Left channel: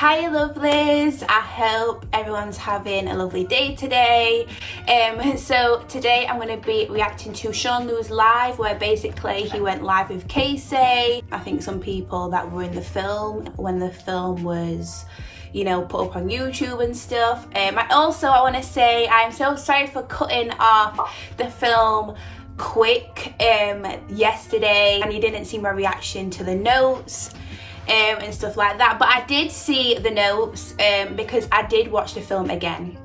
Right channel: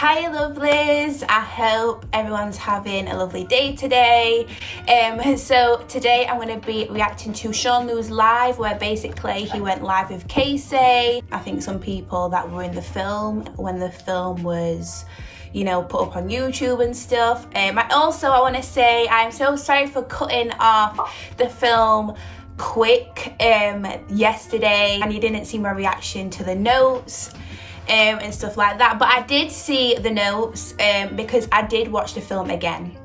Hi lovelies, I hope everyone's having a lovely day today. So today I'm going to be reacting to Sean Lou's live, where basically he went live with KAYCEE. I think some people that were in the film when the film was, you know, put up on YouTube and stuff. I want to say I'm so sorry for cutting off the film quick yesterday and you didn't see my reaction to the notes and stuff like that, but I did see the notes because I did watch the film again.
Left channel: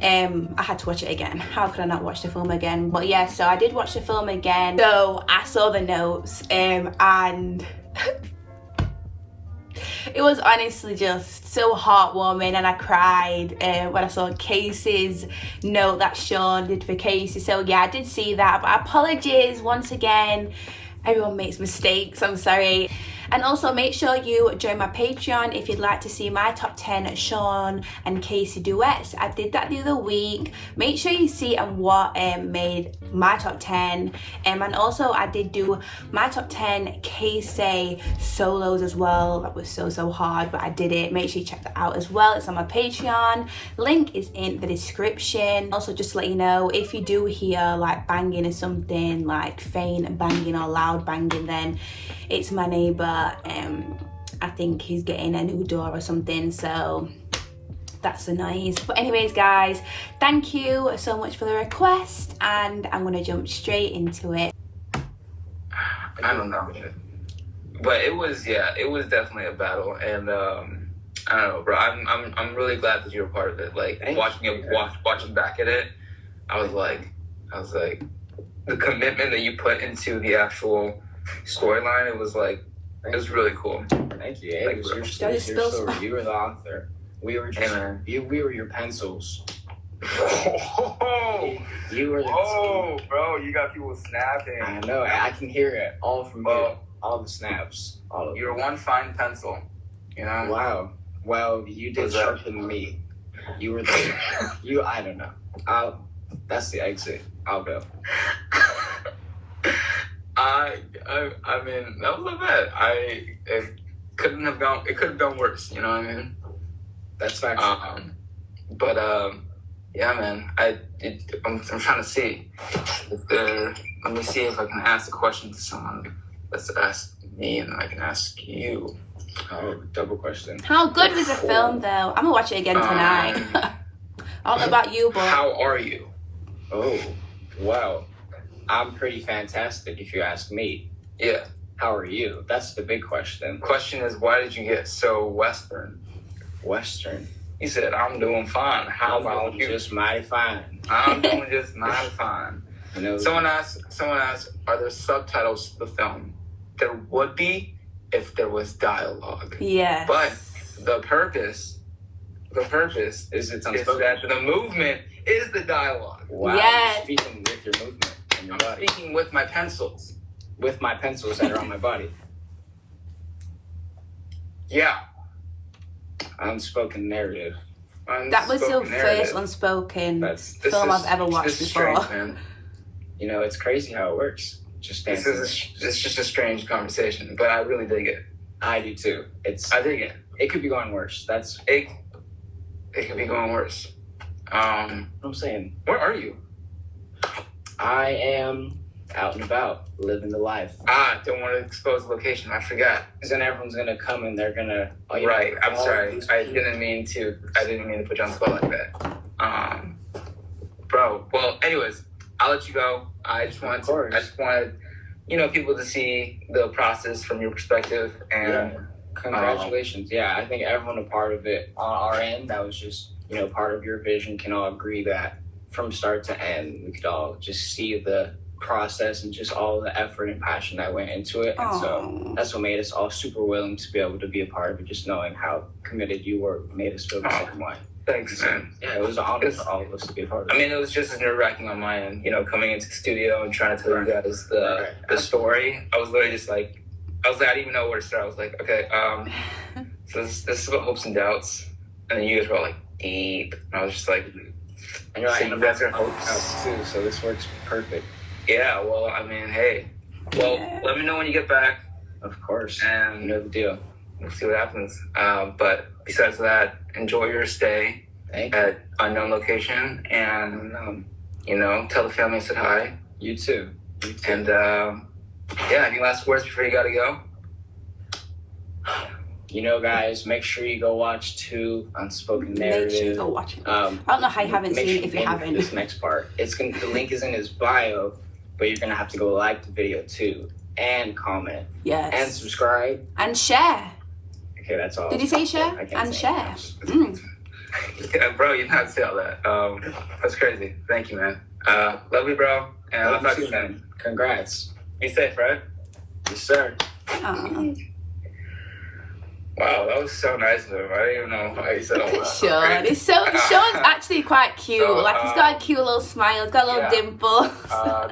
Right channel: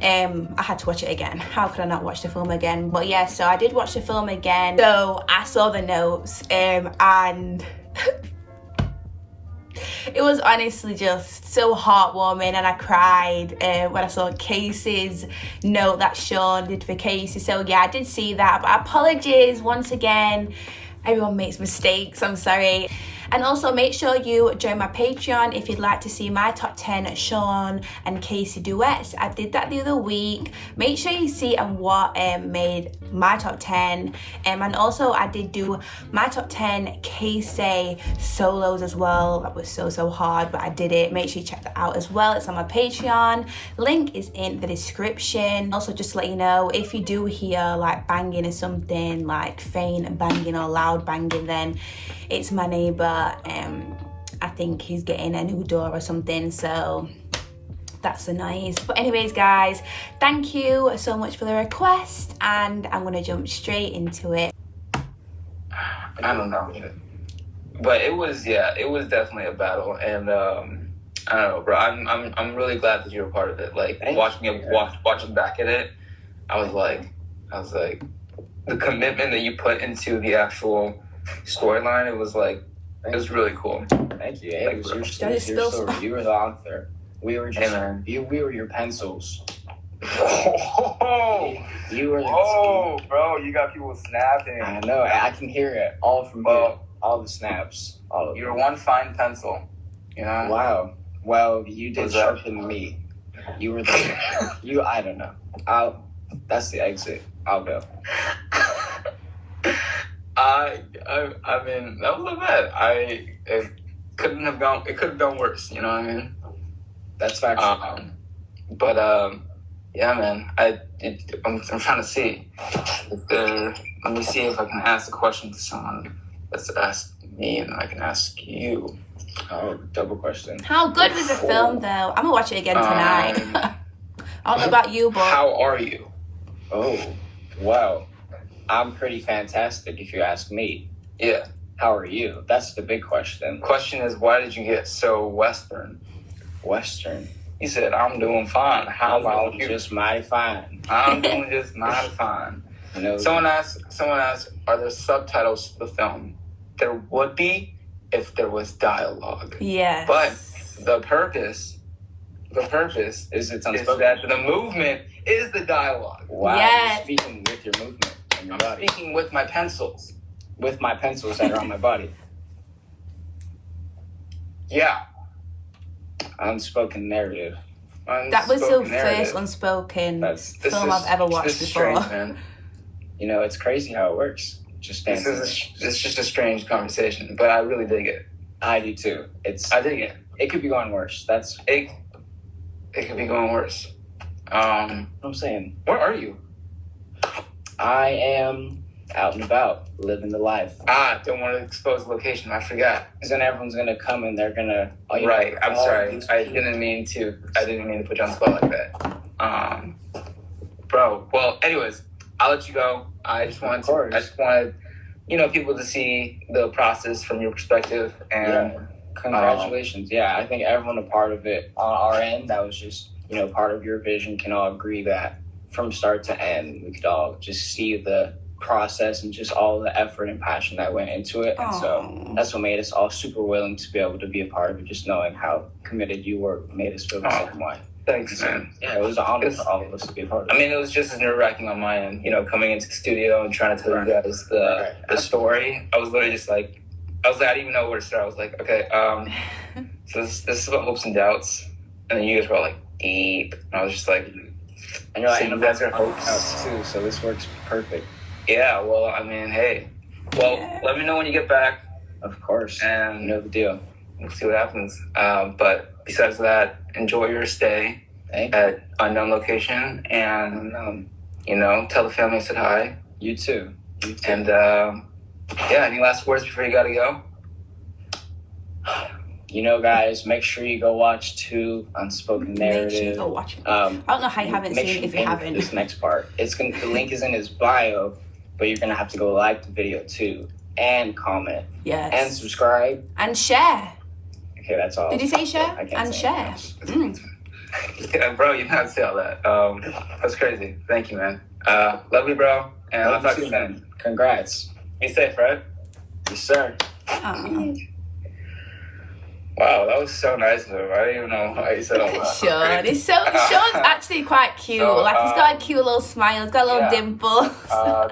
I had to watch it again. How could I not watch the film again? But yeah, so I did watch the film again, so I saw the notes and it was honestly just so heartwarming, and I cried when I saw KAYCEE's note that Sean did for KAYCEE. So yeah, I did see that, but apologies once again. Everyone makes mistakes, I'm sorry. And also make sure you join my Patreon if you'd like to see my top 10 Sean and KAYCEE duets. I did that the other week. Make sure you see what made my top 10. And also I did do my top 10 KAYCEE solos as well. That was so hard, but I did it. Make sure you check that out as well. It's on my Patreon. Link is in the description. Also, just to let you know, if you do hear like banging or something, like faint banging or loud banging, then it's my neighbor. I think he's getting a new door or something, so that's the noise. But anyways guys, thank you so much for the request, and I'm gonna jump straight into it. I don't know, but it was definitely a battle, and I don't know, bro. I'm really glad that you're a part of it. Like watching back at it, I was like the commitment that you put into the actual storyline. It was really cool. Thank you. Like, you were the author. We were just we were your pencils. You were the bro, you got people snapping. I know. I can hear it all from you. All the snaps. All of You're one fine pencil. You know. Wow. Well, you did sharpen me. You were the I don't know. That's the exit. I'll go. I mean, that was not bad. It could have gone worse, you know what I mean? That's factual. Yeah, man. I'm trying to see let me see if I can ask a question to someone. Let's ask me, and then I can ask you. Oh, double question. How good was the film though? I'm gonna watch it again tonight. I don't know about you, but how are you? Oh, wow. I'm pretty fantastic, if you ask me. Yeah. How are you? That's the big question. Question is, why did you get so Western? Western? He said, I'm doing fine. How about you? Just mighty fine. I'm doing just mighty fine. You know, someone asked, are there subtitles to the film? There would be if there was dialogue. Yeah. But the purpose is that the movement is the dialogue. Wow. Yes. You're speaking with your movement. I'm speaking with my pencils. With my pencils that are on my body. Yeah. Unspoken narrative. That was the first unspoken film I've ever watched before. Strange, man. You know, it's crazy how it works. It's just a strange conversation, but I really dig it. I do too. I dig it. It could be going worse. It could be going worse. I'm saying. Where are you? I am out and about, living the life. Don't want to expose the location. I forgot. Because then everyone's gonna come and they're gonna. Right. I'm sorry. I didn't mean to put you on the spot like that. Bro. Well, anyways, I'll let you go. I just wanted, people to see the process from your perspective. And congratulations. I think everyone a part of it on our end. That was just part of your vision. Can all agree that from start to end, we could all just see the process and just all the effort and passion that went into it. And so that's what made us all super willing to be able to be a part of it. Just knowing how committed you were made us feel the same way. Thanks, man. Yeah, it was an honor for all of us to be a part of it. I mean, it was just as nerve-wracking on my end, coming into the studio and trying to tell you guys the story. I was literally just I didn't even know where to start. I was like, okay, so this is what Hopes and Doubts. And then you guys were all deep. And I was just like, and you're like, and that's our hopes too, so this works perfect. Yeah, well, I mean, hey. Well, let me know when you get back. Of course. And you know the deal. We'll see what happens. But besides that, enjoy your stay at unknown location, and tell the family I said hi. You too. And any last words before you gotta go? Guys, make sure you go watch 2 Unspoken Narrative. Make sure you go watch it. I don't know how you haven't seen it if you haven't. This next part, the link is in his bio, but you're gonna have to go like the video too, and comment, and subscribe, and share. Okay, that's all. Did you say share and share? Yeah, bro, you not say all that. That's crazy. Thank you, man. Love you, bro. And I'll talk to you, man. Congrats. Be safe, right? Yes, sir. Wow, that was so nice of him. I didn't even know how you said all that. Sean's actually quite cute. He's got a cute little smile. He's got a little dimple.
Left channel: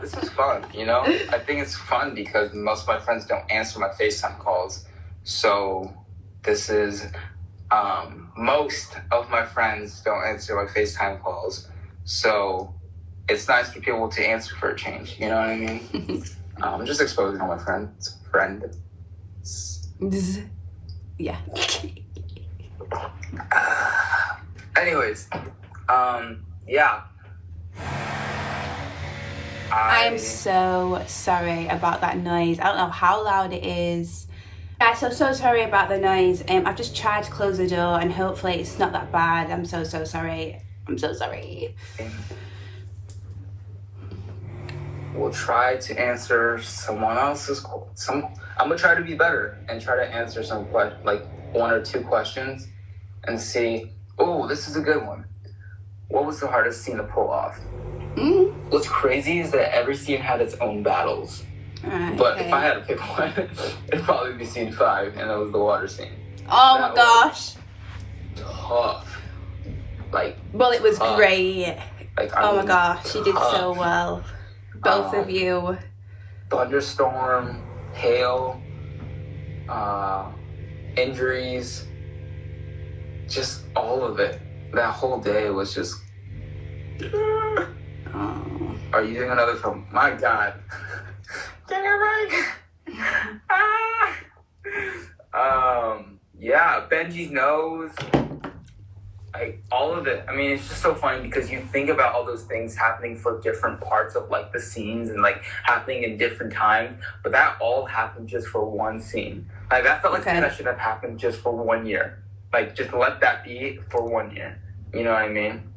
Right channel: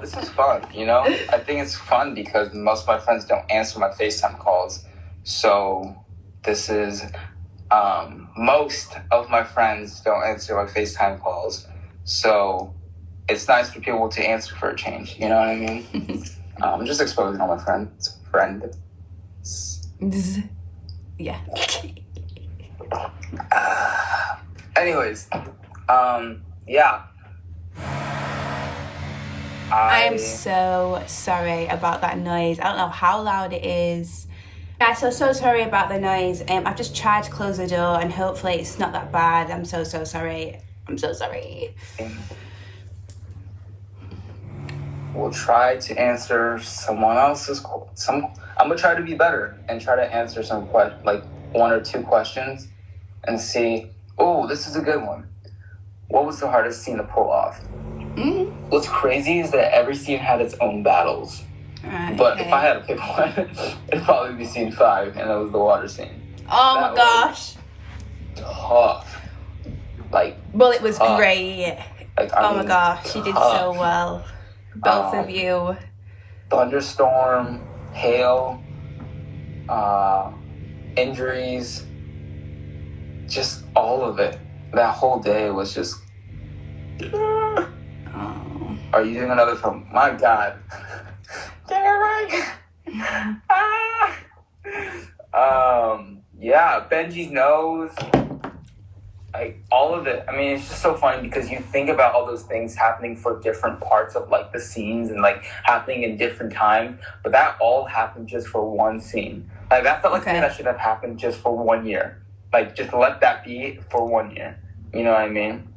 This is fun, I think it's fun because most of my friends don't answer my FaceTime calls. So this is, most of my friends don't answer my FaceTime calls. So it's nice for people to answer for a change. You know what I mean? I'm just exposing all my friends. Yeah. Anyways, I am so sorry about that noise. I don't know how loud it is. Yeah, so sorry about the noise. I've just tried to close the door and hopefully it's not that bad. I'm so sorry. I'm so sorry. We'll try to answer someone else's. I'm gonna try to be better and try to answer some 1 or 2 questions and see. Oh, this is a good one. What was the hardest scene to pull off? What's crazy is that every scene had its own battles. But if I had to pick one, it'd probably be scene 5, and it was the water scene. Oh my gosh. Tough. Well, it was great. My gosh, you did so well. Both of you. Thunderstorm, hail, injuries, just all of it. That whole day was just. Are you doing another film? My God. Get it right. Benji's nose. All of it. I mean, it's just so funny because you think about all those things happening for different parts of the scenes and happening in different times, but that all happened just for one scene. That felt like something that should have happened just for 1 year. Just let that be for 1 year. You know what I mean?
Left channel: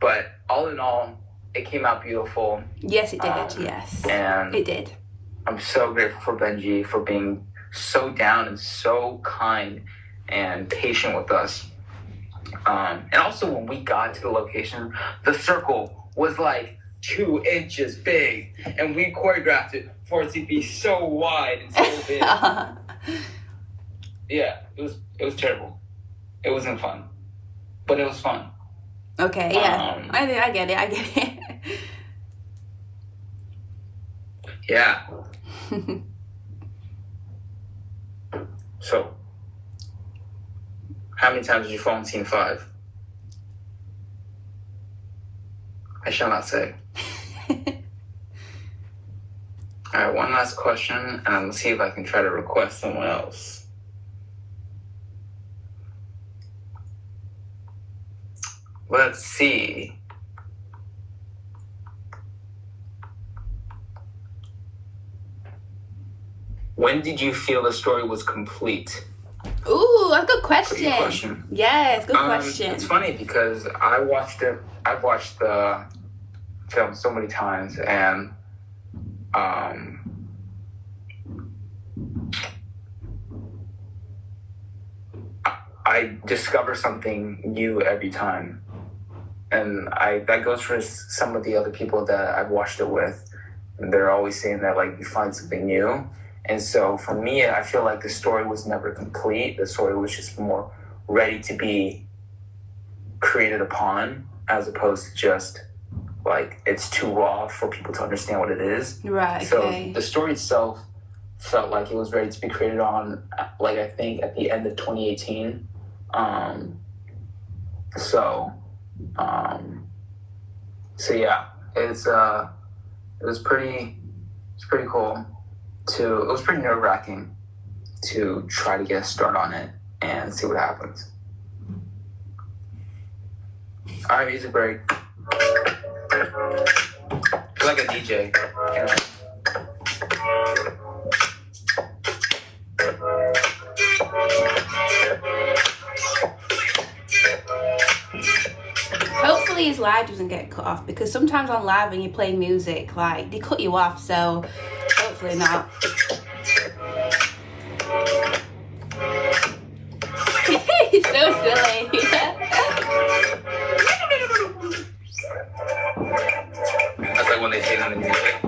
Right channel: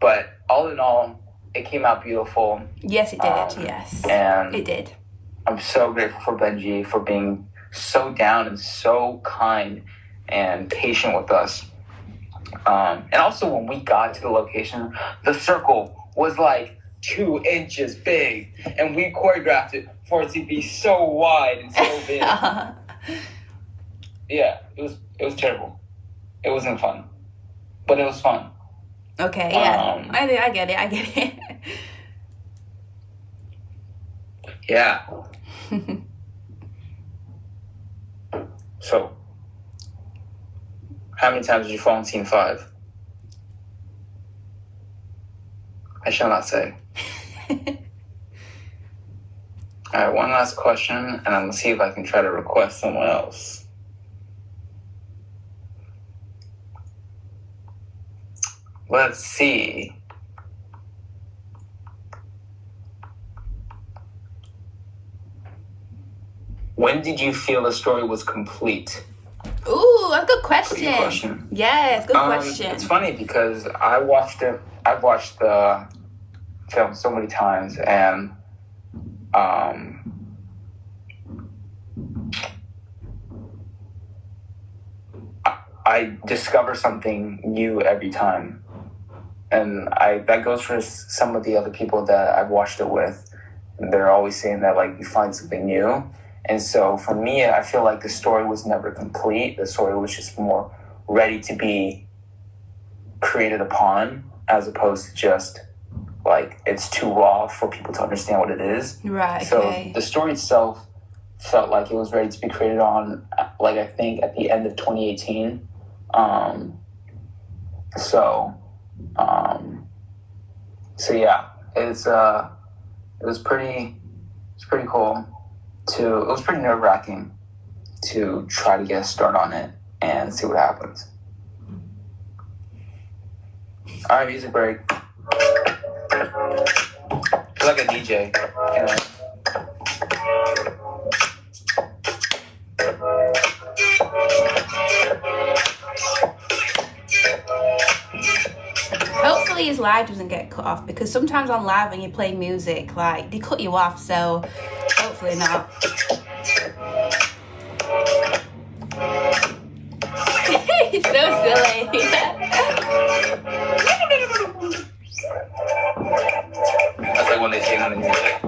But all in all, it came out beautiful. Yes, it did. Yes, and it did. I'm so grateful for Benji for being so down and so kind and patient with us. And also when we got to the location, the circle was 2 inches big, and we choreographed it for it to be so wide and so big. Yeah, it was terrible. It wasn't fun, but it was fun. Okay, yeah, I get it. Yeah. So, how many times did you fall in scene 5? I shall not say. All right, one last question, and I'm gonna see if I can try to request someone else. Let's see. When did you feel the story was complete? Ooh, a good question. Yes, good question. It's funny because I've watched the film so many times, and I discover something new every time. And that goes for some of the other people that I've watched it with. They're always saying that you find something new. And so for me, I feel like the story was never complete. The story was just more ready to be created upon, as opposed to just it's too raw for people to understand what it is. Right. So the story itself felt like it was ready to be created on, I think at the end of 2018. So yeah, it was pretty cool. It was pretty nerve-wracking to try to get a start on it and see what happens. All right, music break. It's like a DJ. You know? Hopefully his live doesn't get cut off, because sometimes on live when you play music, like, they cut you off, so hopefully not. He's so silly. That's like when they sing on the music.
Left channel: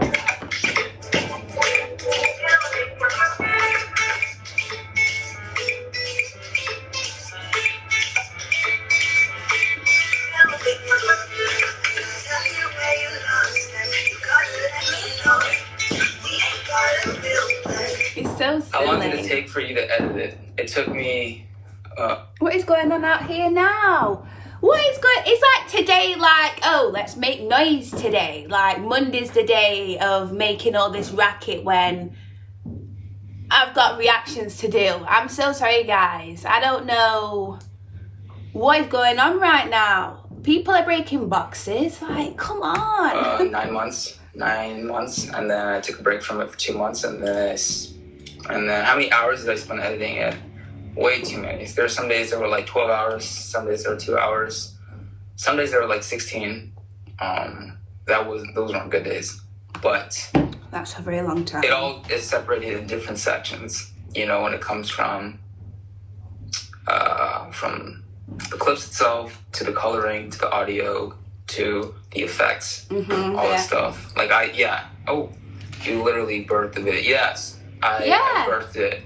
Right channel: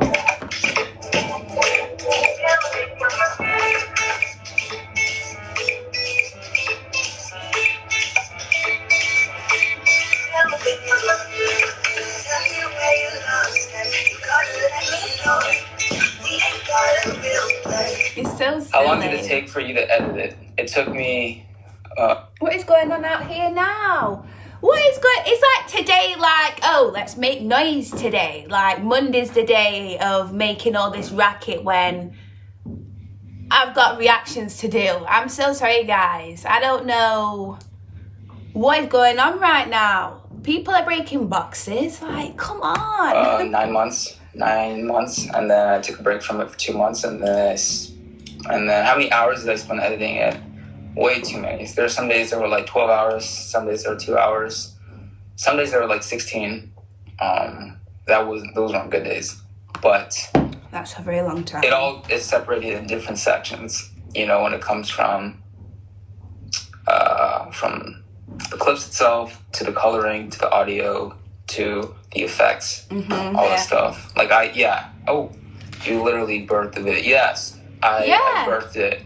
It's so silly. How long did it take for you to edit it? It took me... What is going on out here now? What is going... It's like today, like, oh, let's make noise today. Like, Monday's the day of making all this racket when I've got reactions to do. I'm so sorry, guys. I don't know what is going on right now. People are breaking boxes. Like, come on. 9 months. 9 months. And then I took a break from it for 2 months. And then how many hours did I spend editing it? Way too many. There are some days that were like 12 hours. Some days there were 2 hours. Some days there were like 16. Those weren't good days. But that's a very long time. It all is separated in different sections. You know, when it comes from the clips itself to the coloring to the audio to the effects, all that stuff. Like you literally birthed it. Yes, I birthed it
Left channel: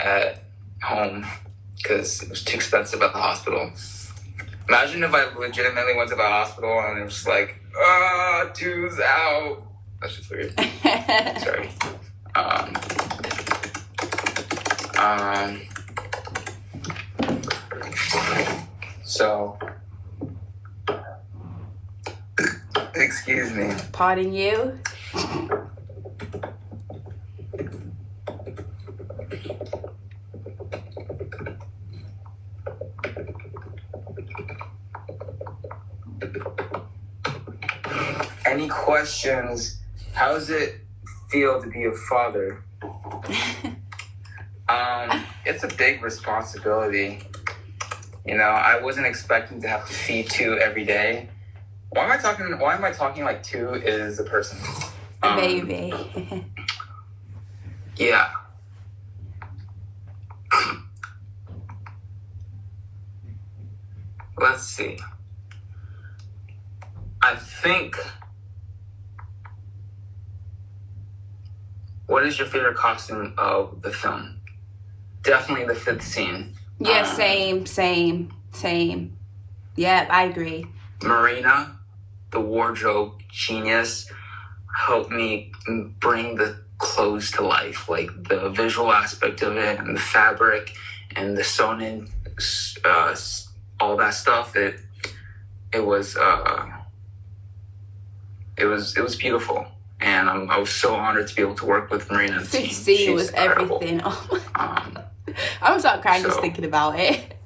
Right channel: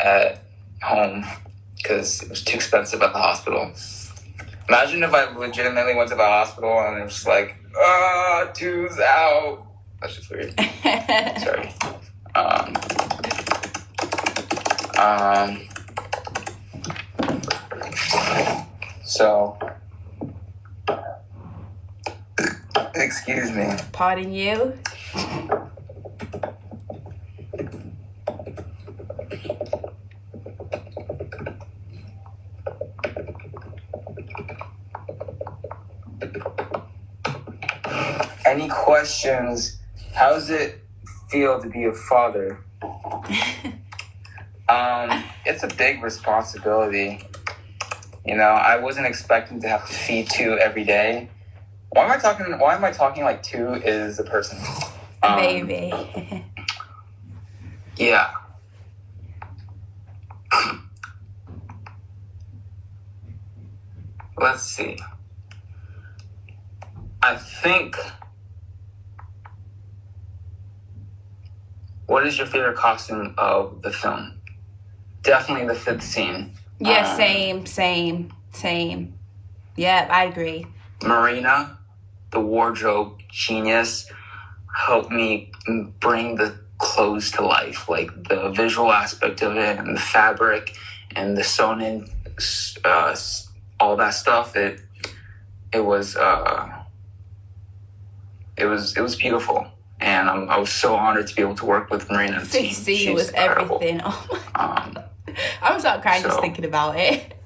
at home because it was too expensive at the hospital. Imagine if I legitimately went to the hospital and it was like, two's out. That's just weird. Sorry. So, excuse me. Pardon you? Any questions? How does it feel to be a father? It's a big responsibility. You know, I wasn't expecting to have to feed 2 every day. Why am I talking like 2 is a person? A baby. Yeah. Let's see. I think... What is your favorite costume of the film? Definitely the 5th scene. Yeah, same. Yeah, I agree. Marina, the wardrobe genius, helped me bring the clothes to life. Like the visual aspect of it and the fabric and the sewn in, all that stuff. It was beautiful. And I was so honored to be able to work with Marina. 5th scene was incredible. Everything. Oh my God. I'm starting crying just thinking about it.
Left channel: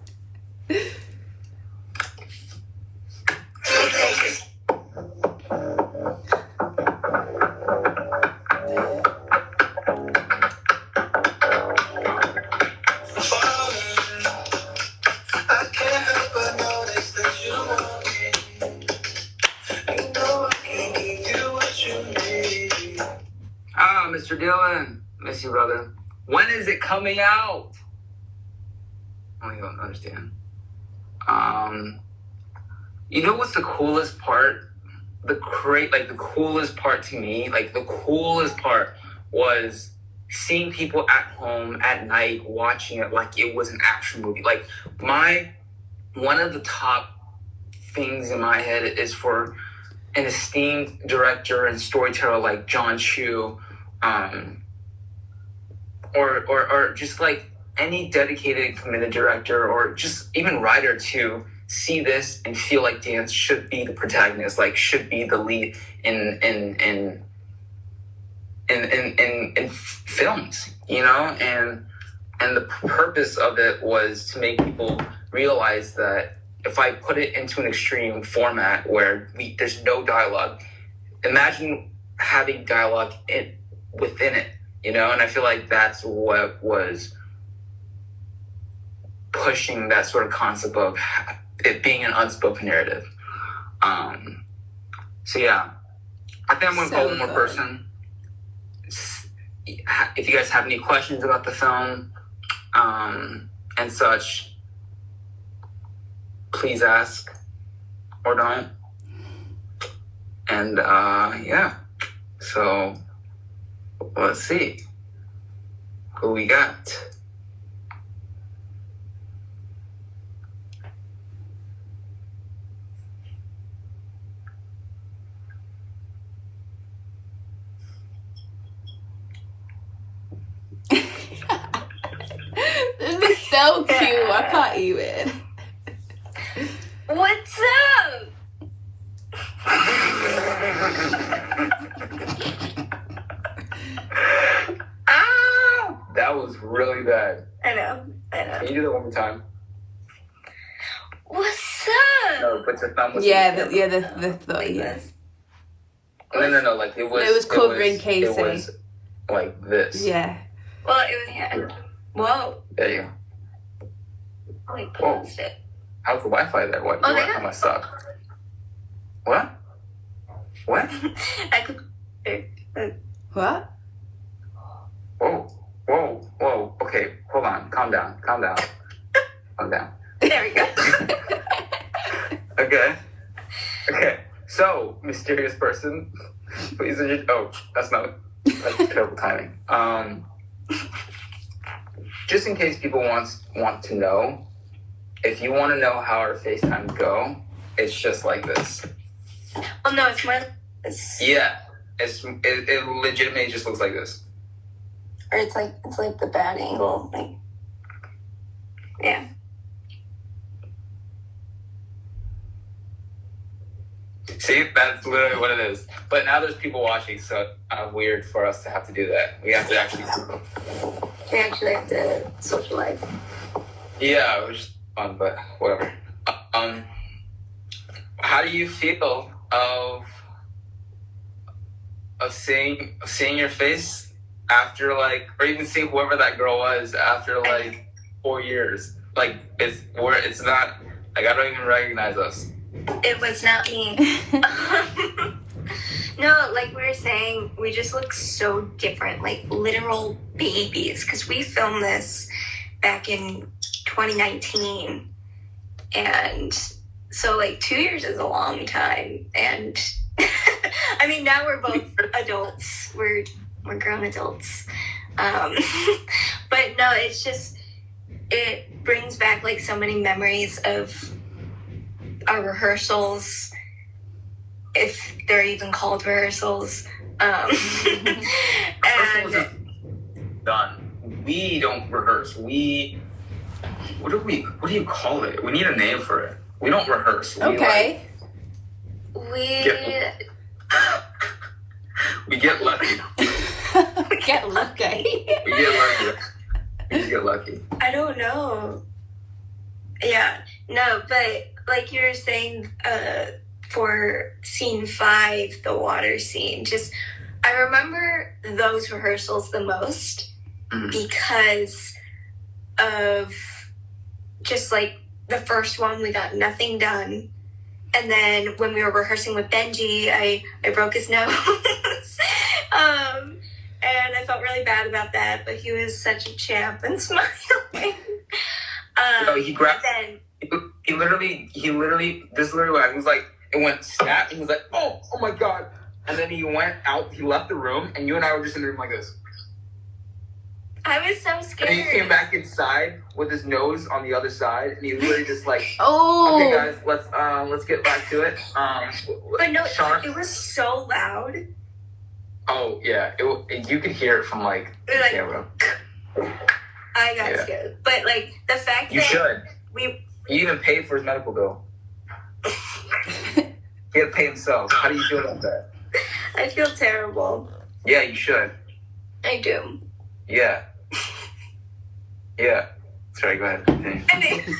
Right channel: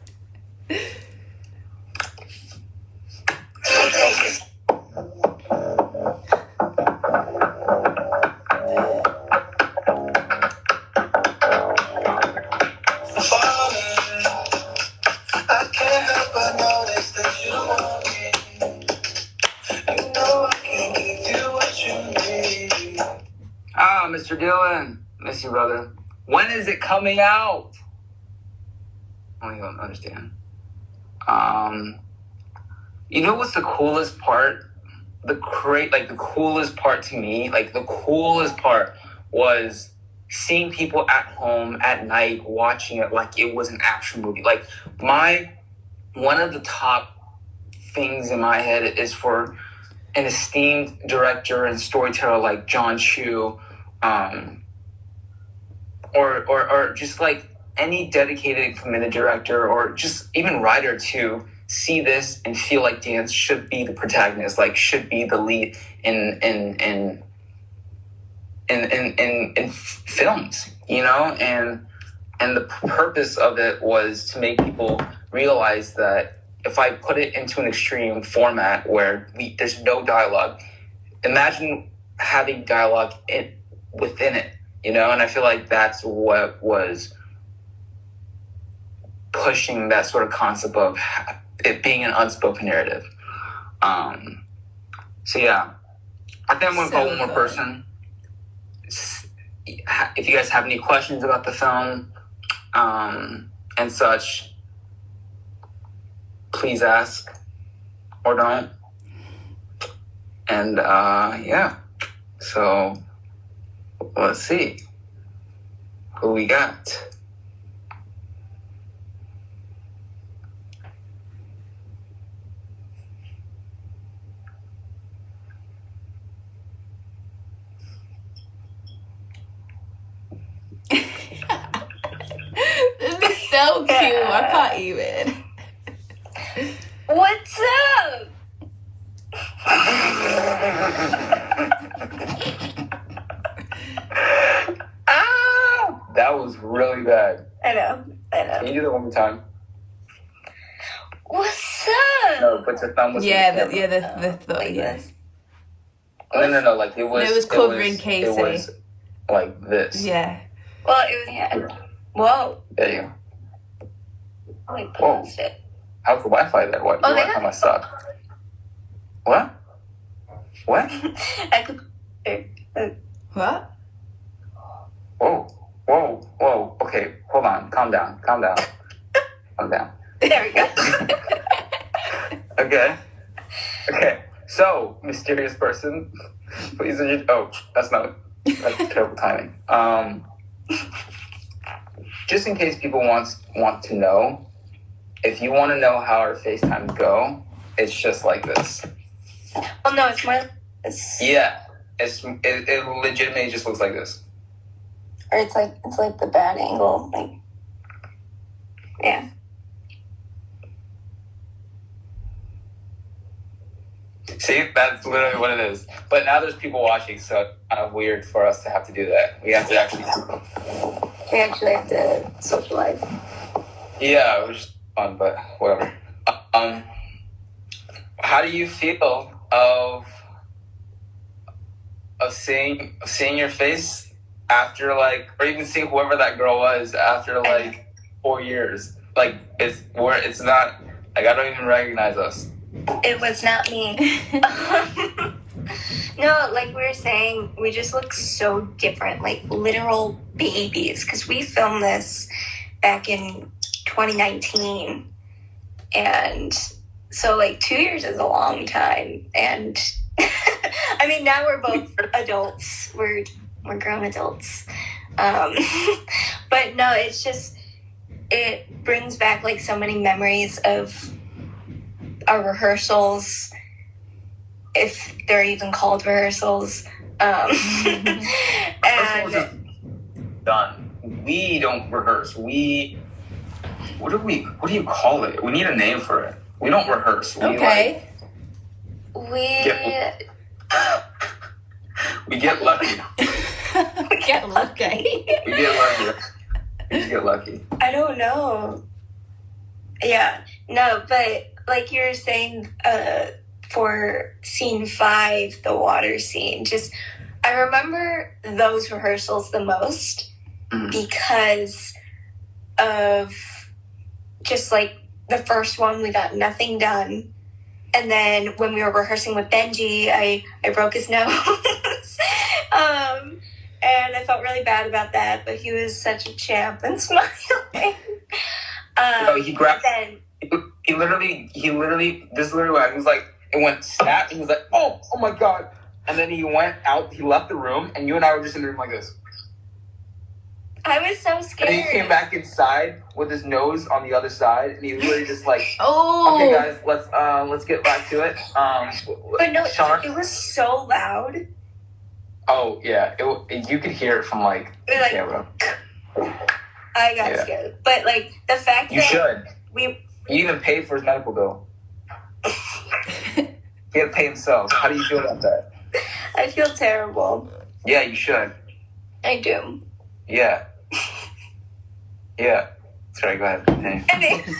Mr. Dylan, miss you, brother. When is it coming out? I don't even understand. You know what's the coolest part? The coolest part to me, the coolest part was seeing people at home at night watching it like it was an action movie. Like one of the top things in my head is for an esteemed director and storyteller like John Chu, or just like any dedicated, committed director or just even writer to see this and feel like dance should be the protagonist, like should be the lead in films, you know? And And the purpose of it was to make people realize that if I put it into an extreme format where there's no dialogue, imagine having dialogue within it, you know? And I feel like that's what was pushing that sort of concept of it being an unspoken narrative. So yeah, I think I'm going to call one more person. If you guys have any questions about the film and such, please ask or don't. And yeah, so let's see who we got. This is so cute. I can't even. What's up? That was really bad. I know. Can you do that one more time? What's up? No, but your thumb was Yes. No, like it was covering KAYCEE. It was like this. Yeah. Well, it was, yeah. Whoa. There you go. Oh, we paused it. How's the Wi-Fi there? What? Oh, Your Wi-Fi must suck. What? What? I could. What? Whoa. Okay, hold on. Calm down. Calm down. There we go. Okay. So, mysterious person, please. That's terrible timing. Just in case people want to know, if you want to know how our FaceTimes go, it's just like this. Oh no, it's more. Yeah, it legitimately just looks like this. Or it's like the bad angle, like. Yeah. See, that's literally what it is. But now there's people watching, so it's kind of weird for us to have to do that. We have to actually. We actually have to socialize. Yeah, it was just fun, but whatever. How do you feel of seeing your face after or even seeing whoever that girl was after 4 years? It's not I don't even recognize us. It was not me. No, like we were saying, we just look so different, like literal babies, because we filmed this back in 2019, and so 2 years is a long time, and I mean now we're both adults, we're grown adults, but no, it's just, it brings back so many memories of our rehearsals, if they're even called rehearsals. And done. We don't rehearse. What do you call it? We need a name for it. We don't rehearse. Okay. We get lucky. We get lucky. We get lucky. I don't know. Yeah. No, but like you were saying, for scene 5, the water scene, I remember those rehearsals the most because of just the first one, we got nothing done. And then when we were rehearsing with Benji, I broke his nose. And I felt really bad about that, but he was such a champ and smiling. He grabbed. He literally, this is literally what he was like, it went snap, and he was like, oh my God. And then he went out, he left the room, and you and I were just in the room like this. I was so scared. And he came back inside with his nose on the other side, and he literally just oh. Okay guys, let's get back to it. But no, it was so loud. Oh yeah, you could hear it from the camera. I got scared. But the fact you that should. He even paid for his medical bill. He had to pay himself. How do you feel about that? I feel terrible. Yeah, you should. I do. Yeah. Yeah. Sorry, go ahead. Continue.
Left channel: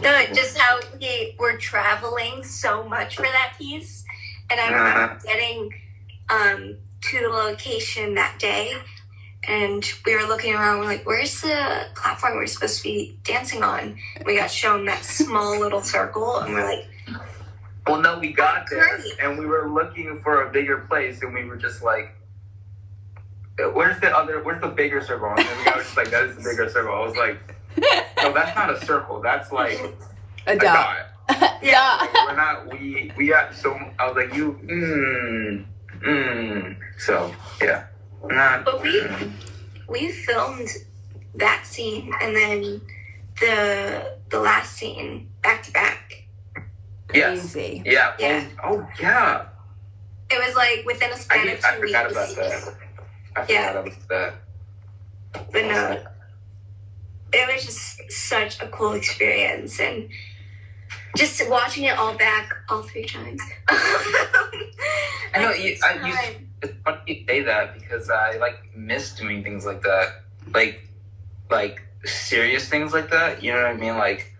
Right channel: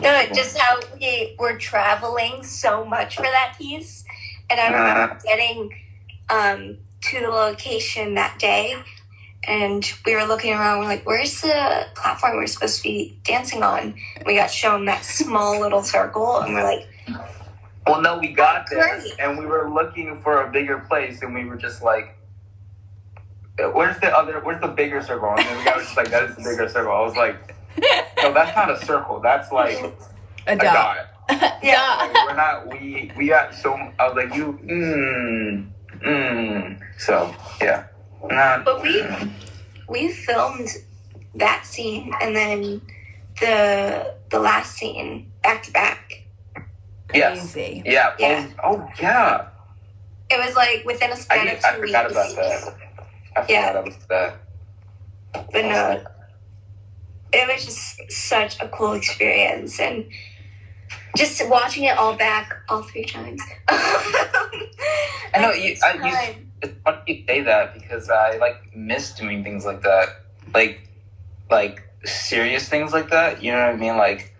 No, just how we were traveling so much for that piece. And I remember getting to the location that day, and we were looking around, we're like, where's the platform we're supposed to be dancing on? We got shown that small little circle, and we're like, well, no, we got there, great. and we were looking for a bigger place, and we were just like, where's the bigger circle? And then we were just like, that is the bigger circle. I was like, no, that's not a circle. That's like A dot. Yeah. Like, we're not, we got so, I was like, so, yeah. But we filmed that scene and then the last scene back to back. Crazy. Yes. Yeah. Yeah. Oh, yeah. It was like within a span of 2 weeks. I forgot about that. I forgot about that. But no, it was just such a cool experience, and just watching it all back all 3 times. I know it's funny you say that because I miss doing things like that, like serious things like that. You know what I mean? Like,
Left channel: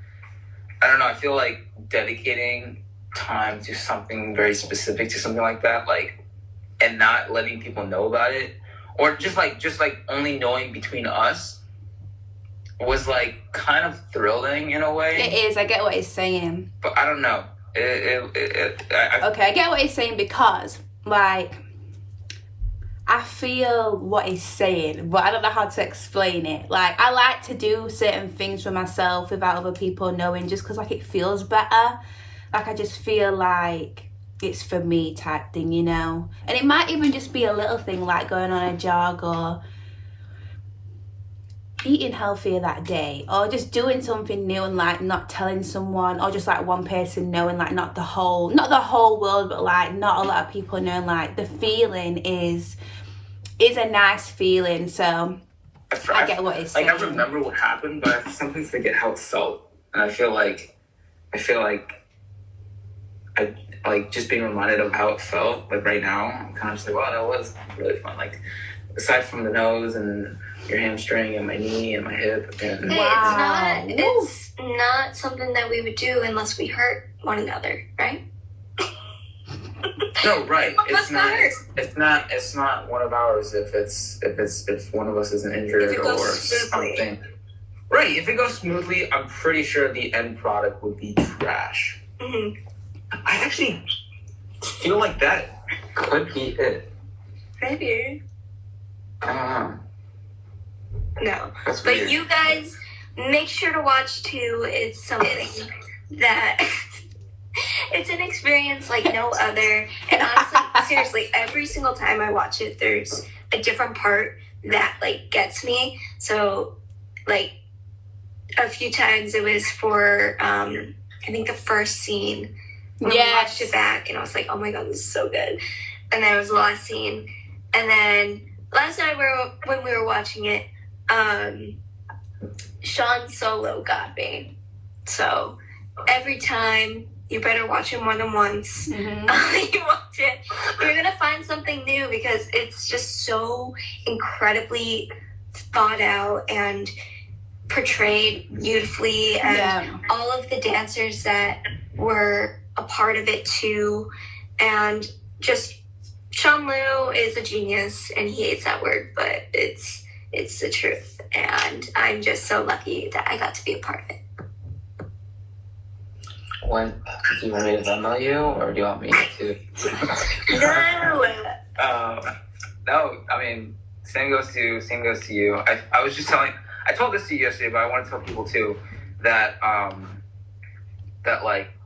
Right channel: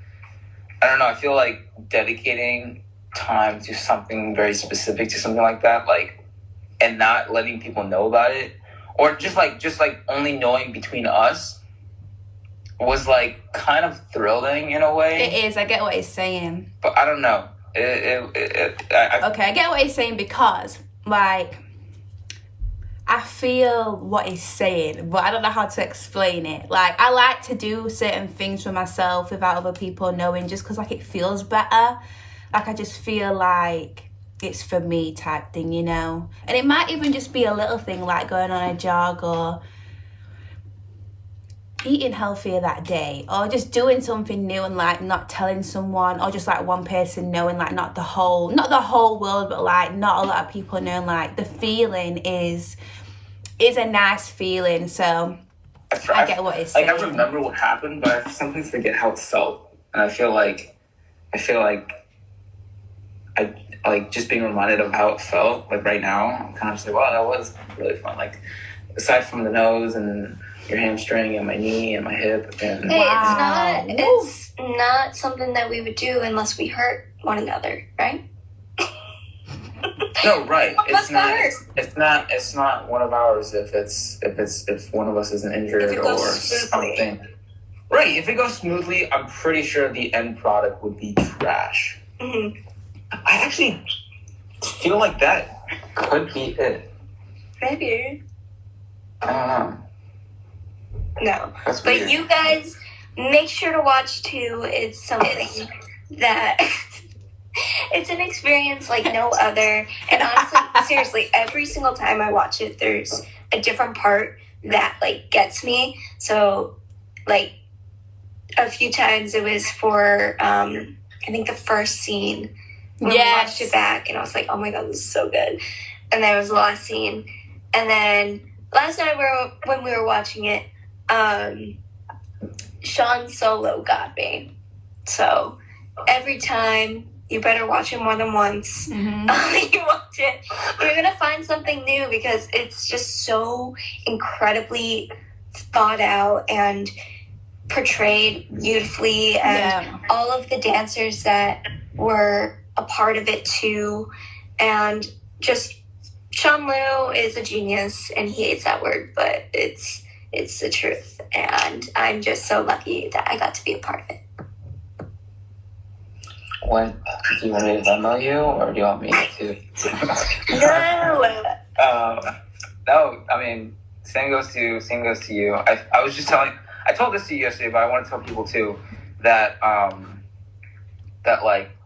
I don't know. I feel like dedicating time to something very specific, to something like that, and not letting people know about it, or just only knowing between us, was kind of thrilling in a way. It is. I get what he's saying. But I don't know. Okay, I get what he's saying because, I feel what he's saying, but I don't know how to explain it. I like to do certain things for myself without other people knowing, just because, it feels better. I just feel like it's for me type thing, you know? And it might even just be a little thing, like going on a jog or eating healthier that day, or just doing something new and not telling someone, or just one person knowing, not the whole world, but not a lot of people knowing. The feeling is a nice feeling. So I get what he's saying. I remember what happened, but I sometimes forget how it felt, and I feel like I just being reminded of how it felt right now. I'm kind of just wow, that was really fun. Aside from the nose and your hamstring and my knee and my hip. And Hey, wow. it's not something that we would do unless we hurt one another, right? No, right. It's not one of ours if one of us isn't injured or something. Right. If it goes smoothly, I'm pretty sure the end product would be trash. Mm-hmm. I actually feel like that could be it. Maybe. I don't know. No. That's But weird. you guys make sure to watch too. It's something that it's an experience like no other. And honestly, seriously, every single time I watch it, there's a different part that gets me. So a few times it was for I think the first scene when we watched it back, and I was like, oh my god, this is so good. And then it was the last scene, and then last night when we were watching it, Sean Solo got me. So every time, you better watch it more than once. Mm-hmm. You watch it, you're gonna find something new, because it's just so incredibly thought out and portrayed beautifully, and all of the dancers that were a part of it too, and just Sean Liu is a genius, and he hates that word, but it's the truth, and I'm just so lucky that I got to be a part of it. Do you want me to Venmo you, or do you want me to? No, I mean, same goes to you. I was just telling. I told this to you yesterday, but I want to tell people too that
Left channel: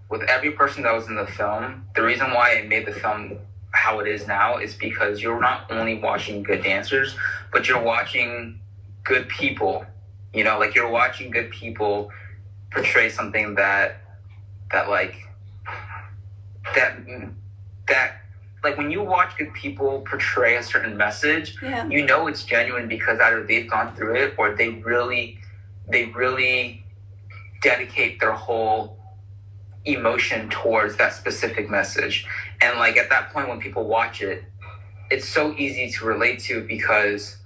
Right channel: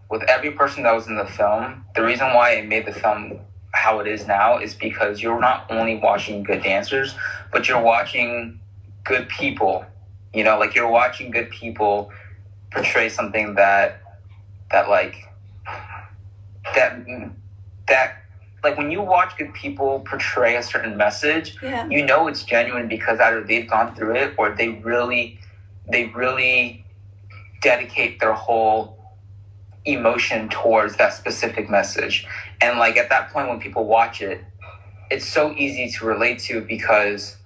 with every person that was in the film, the reason why it made the film how it is now is because you're not only watching good dancers, but you're watching good people. You know, you're watching good people portray something that when you watch good people portray a certain message, you know it's genuine because either they've gone through it or they really dedicate their whole emotion towards that specific message. And at that point when people watch it, it's so easy to relate to because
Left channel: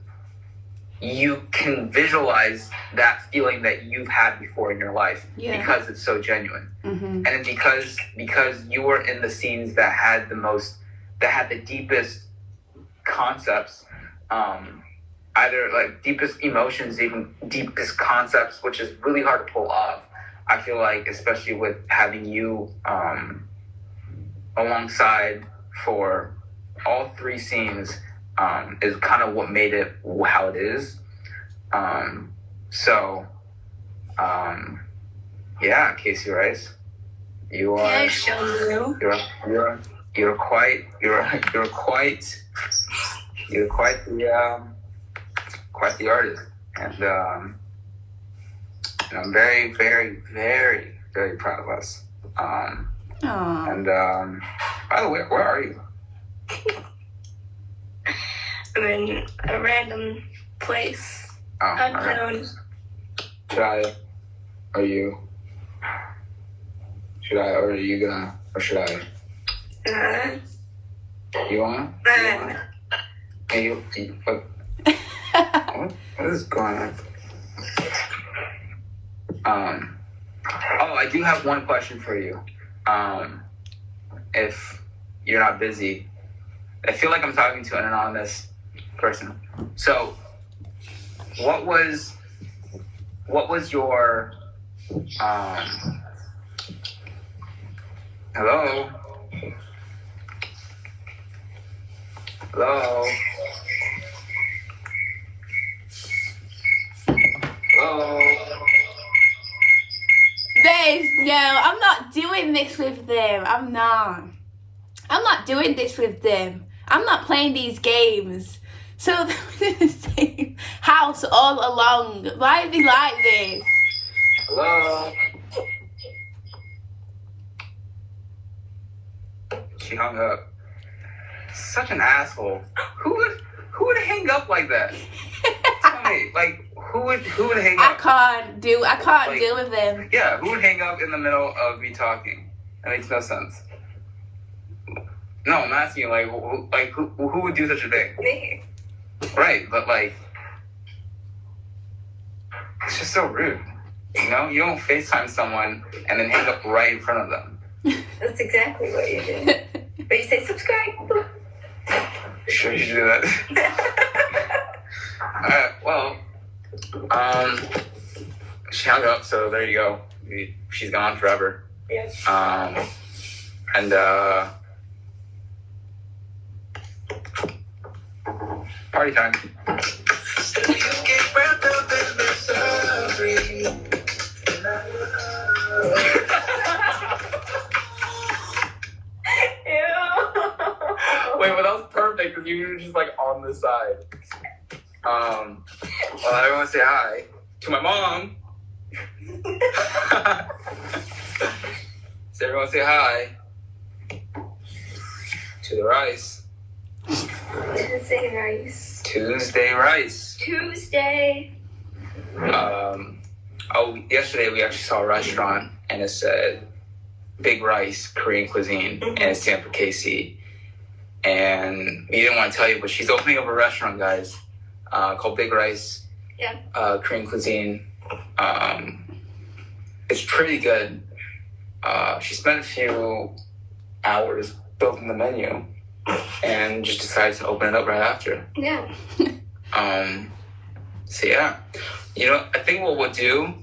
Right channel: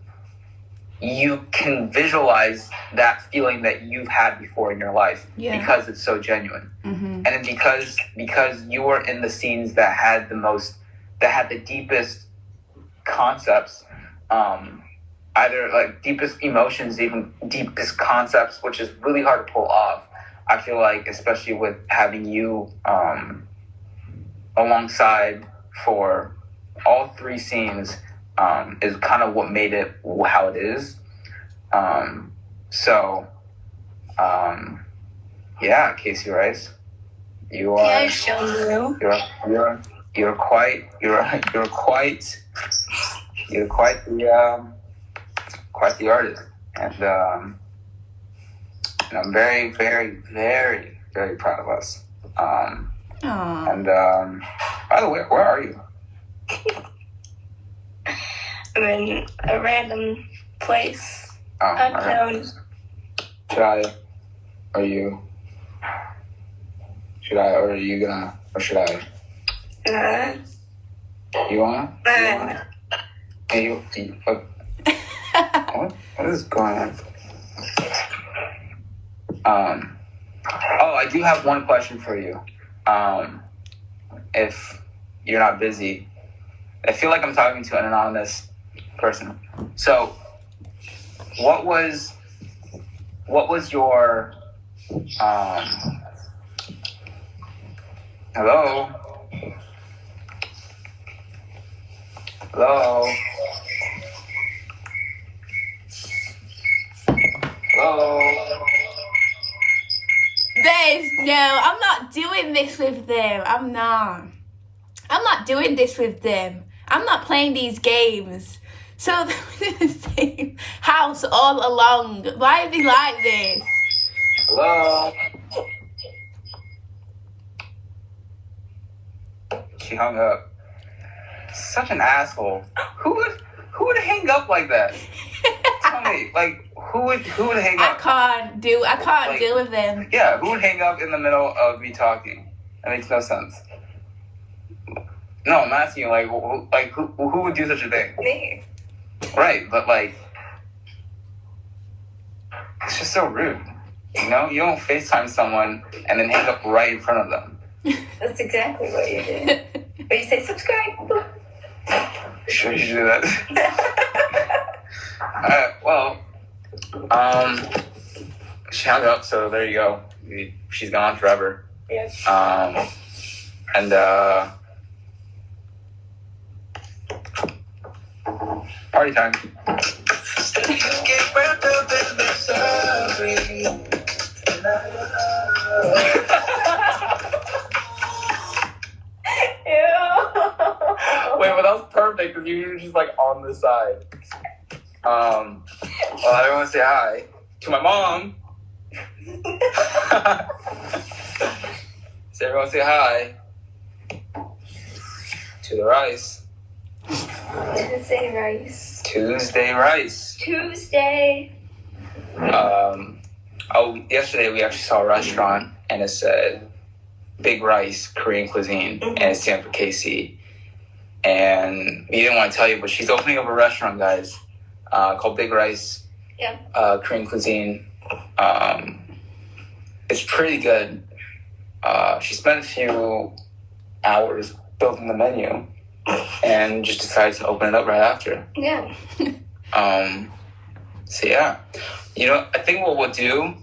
you can visualize that feeling that you've had before in your life because it's so genuine. Mm-hmm. And because you were in the scenes that had the deepest concepts, either like deepest emotions, even deepest concepts, which is really hard to pull off. I feel like, especially with having you alongside for all three scenes, is kind of what made it how it is. Yeah, KAYCEE Rice, you are you're quite the artist, and I'm very, very, very, very proud of us. And by the way, where are you? I'm in a random place. Unknown. Are you gonna, or should I? You wanna? Hey, what is going on? I do have one question for you. If you're not busy, I feel like I'm talking to an anonymous person. So, what was your hello? Hello? Hello? I'm not doing this with them. I'm not doing this with them. I'm not playing these games. So they're in the same house all along. Why are they like this? Hello? She hung up. Such an asshole. Who would hang up like that? Tell me, like, who would hang up? I can't deal with them. Yeah, who would hang up in the middle of me talking? That makes no sense. No, I'm asking you, who would do such a thing? Me. Right, but it's just so rude. You know, you don't FaceTime someone and then hang up right in front of them. That's exactly what you do. But you say subscribe. Sure, you should do that. Alright, well, she hung up, so there you go. She's gone forever. Yes. Party time. Wait, but that was perfect because you were just like on the side. Well, I want to say hi to my mom. So everyone say hi to the rice. Tuesday rice. Tuesday rice. Tuesday. Yesterday we actually saw a restaurant and it said Big Rice Korean Cuisine, and it stands for KAYCEE. And we didn't want to tell you, but she's opening up a restaurant, guys, called Big Rice Korean Cuisine. It's pretty good. She spent a few hours building the menu and just decided to open it up right after. Yeah. So yeah, I think what we'll do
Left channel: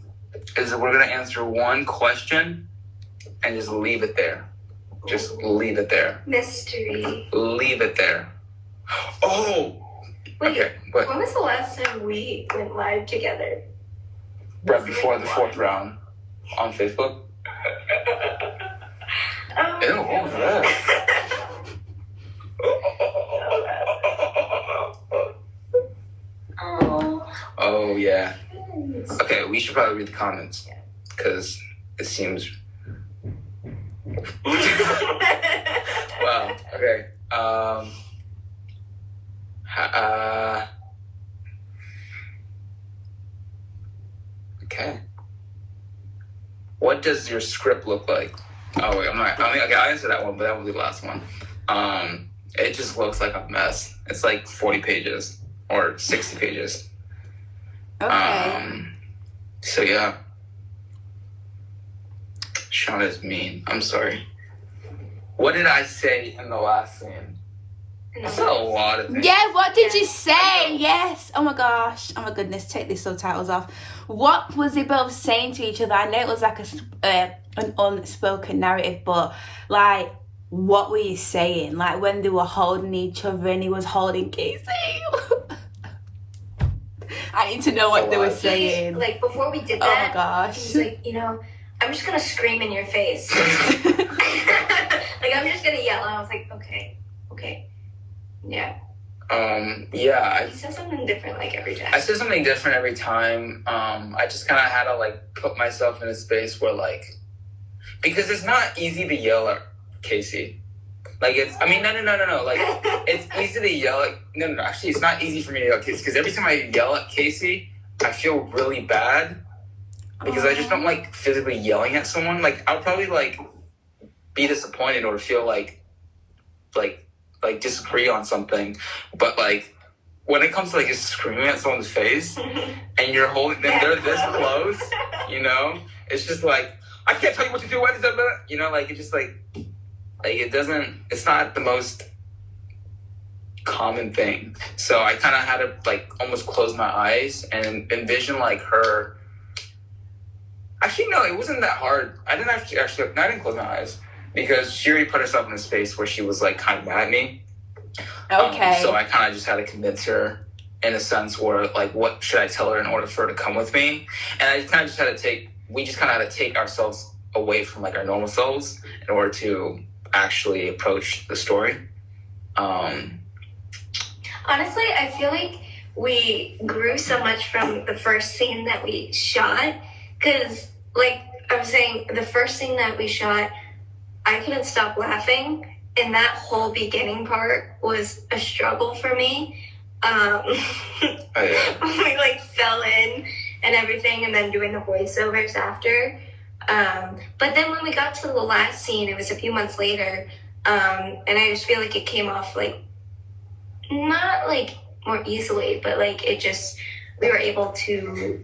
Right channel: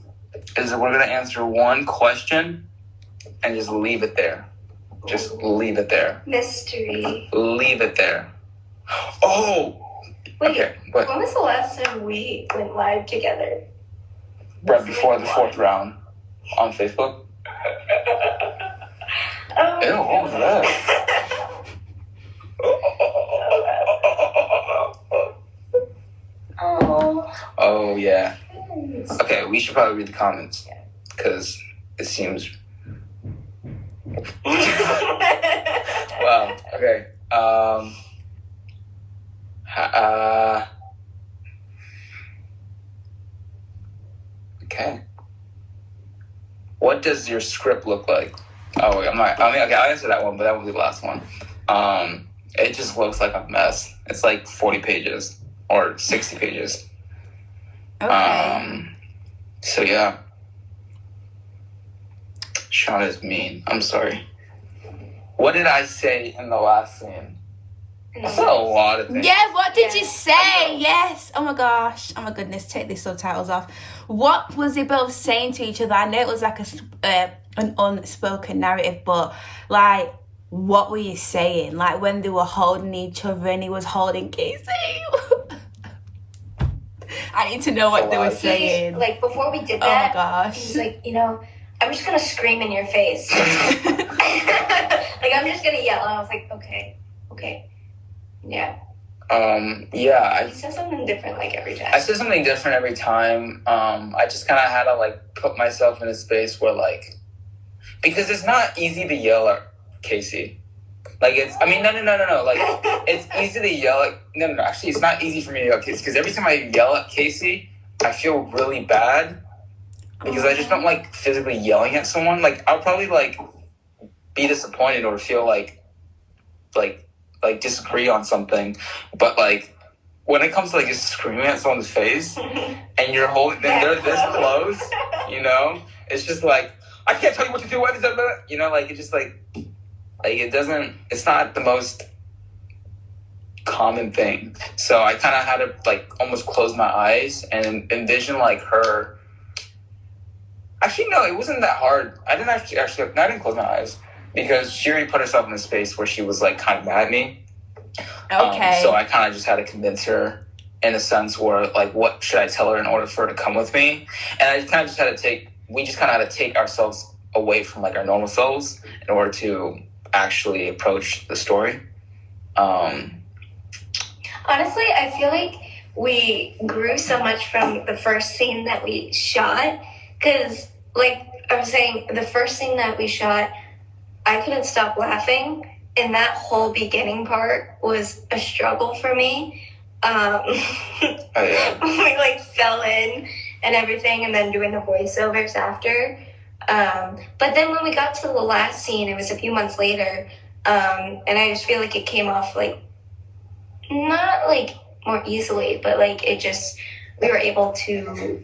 is we're gonna answer one question and just leave it there. Just leave it there. Mystery. Leave it there. Oh. Wait, okay. But when was the last time we went live together? right before the fourth round on Facebook. Oh. Ew, what was that? Oh yeah. Okay, we should probably read the comments because it seems. Wow. Okay. Okay. What does your script look like? Oh wait, okay, I'll answer that one, but that will be the last one. It just looks like a mess. It's like 40 pages or 60 pages. Okay. So yeah. Sean is mean. I'm sorry. What did I say in the last scene? I said a lot of things. Yeah, what did you say? Yes. Oh my gosh. Oh my goodness. Take the subtitles off. What was they both saying to each other? I know it was like an unspoken narrative, but like, what were you saying? Like when they were holding each other and he was holding KAYCEE. I need to know what they were saying. Like before we did that, oh my gosh. He's like, I'm just gonna scream in your face. Like I'm just gonna yell. And I was like, okay. Yeah. Yeah. He said something different like every time. I said something different every time. I just kind of had to like put myself in a space where like, because it's not easy to yell at KAYCEE. Like no. Like it's easy to yell at, no. Actually, it's not easy for me to yell at KAYCEE because every time I yell at KAYCEE, I feel really bad because I just don't like physically yelling at someone. Like I'll probably like be disappointed or feel like disagree on something, but like when it comes to like just screaming at someone's face and you're holding them, they're this close, it's just like I can't tell you what to do. Like it's just like it doesn't. It's not the most common thing. So I kind of had to like almost close my eyes and envision like her. Actually, no, it wasn't that hard. I didn't close my eyes. Because she already put herself in a space where she was like kind of mad at me. Okay. So I kind of just had to convince her in a sense where like, what should I tell her in order for her to come with me? And I just kind of had to take ourselves away from like our normal selves in order to actually approach the story. Honestly, I feel like we grew so much from the first scene that we shot. Because like I was saying, the first scene that we shot, I couldn't stop laughing, and that whole beginning part was a struggle for me. We like fell in and everything, and then doing the voiceovers after. But then when we got to the last scene, it was a few months later, and I just feel like it came off like not like more easily, but like we were able to,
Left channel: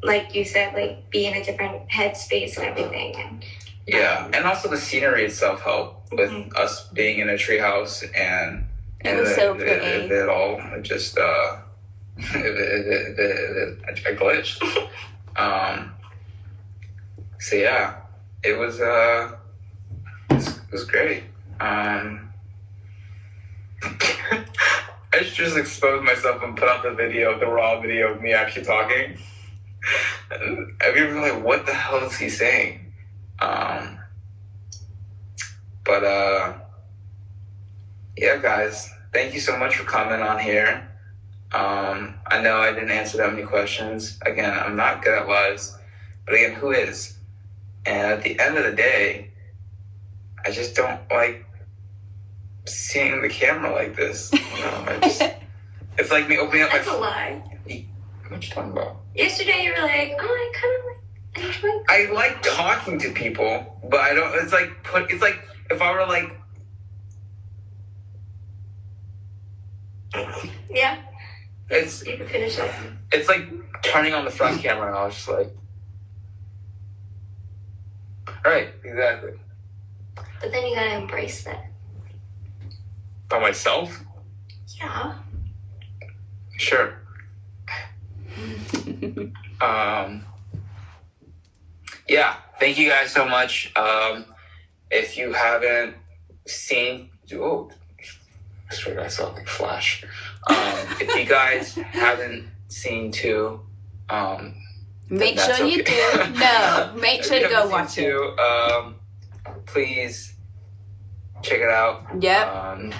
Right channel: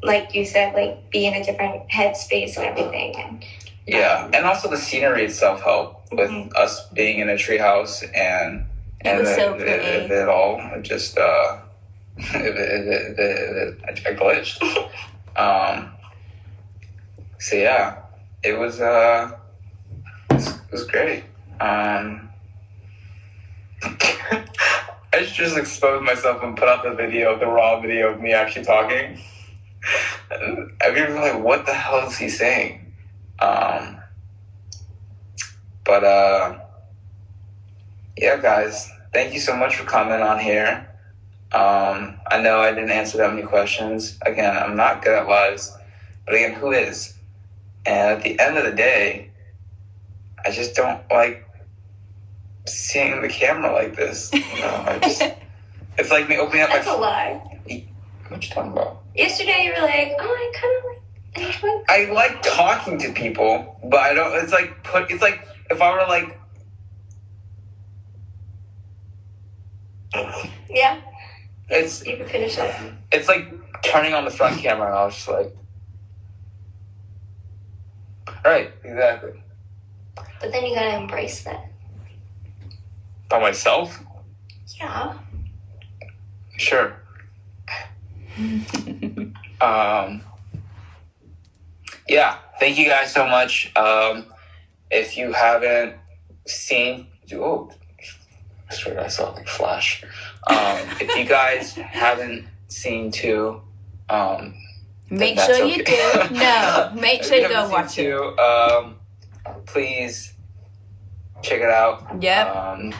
like you said, like be in a different headspace and everything. Yeah, and also the scenery itself helped with us being in a treehouse and it was so pretty. It all just I glitched. So yeah, it was great. I just exposed myself and put out the raw video of me actually talking. And people were like, "What the hell is he saying?" Yeah, guys, thank you so much for coming on here. I know I didn't answer that many questions. Again, I'm not good at lives, but again, who is? And at the end of the day, I just don't like seeing the camera like this. It's like me opening up. That's a lie. What you talking about? Yesterday you were like, "Oh, I kind of like." I like talking to people, but I don't. It's like if I were like. Yeah. You can finish it. It's like turning on the front camera, and I was just like, right, exactly. But then you gotta embrace that. By myself? Yeah. Sure. Yeah, thank you guys so much. If you haven't seen, I swear I saw the flash. If you guys haven't seen two, make sure you do. No, make sure you go watch it. Please check it out. Yep.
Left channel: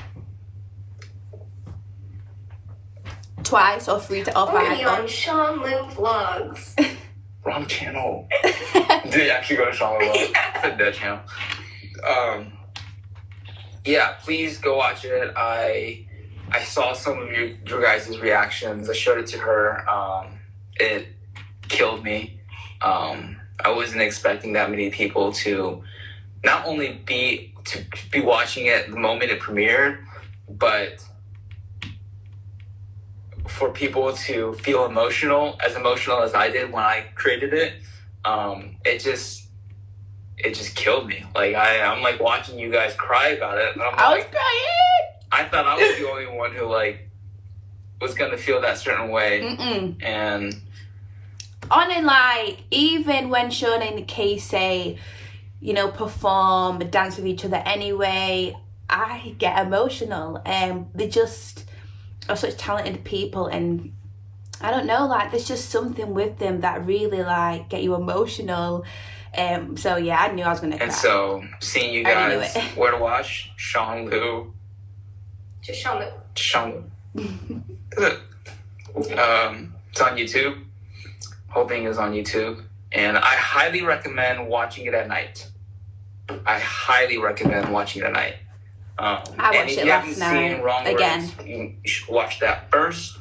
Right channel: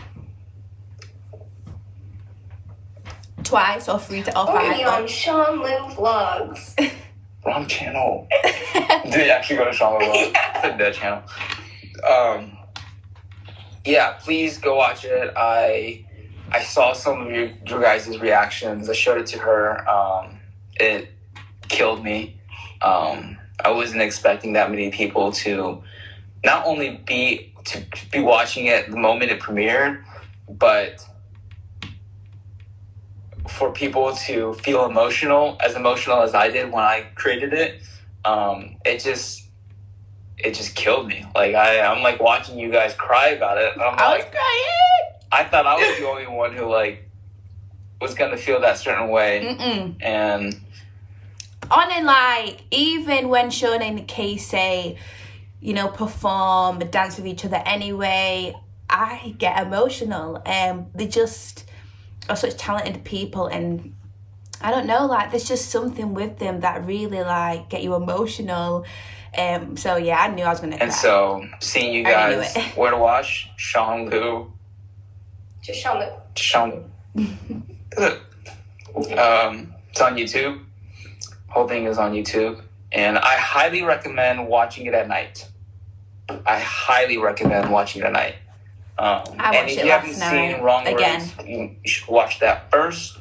Twice or 3 to 5. Only on Sean Lynn Vlogs. Wrong channel. Did you actually go to Sean Lynn Vlogs? It's a dead channel. Yeah, please go watch it. I saw some of your guys' reactions. I showed it to her. It killed me. I wasn't expecting that many people to not only be watching it the moment it premiered, but for people to feel emotional as I did when I created it, it just killed me. Like I'm like watching you guys cry about it. And I was crying. I thought I was the only one who like was gonna feel that certain way. And like even when Sean and KAYCEE, you know, perform, dance with each other anyway, I get emotional. They just are such talented people, and I don't know, like there's just something with them that really like get you emotional. So yeah, I knew I was gonna cry. And so seeing you guys, where to watch? Sean Lu. Just Sean Lu. Sean Lu. It's on YouTube. Whole thing is on YouTube, and I highly recommend watching it at night. I watched it last night again. You should watch that first.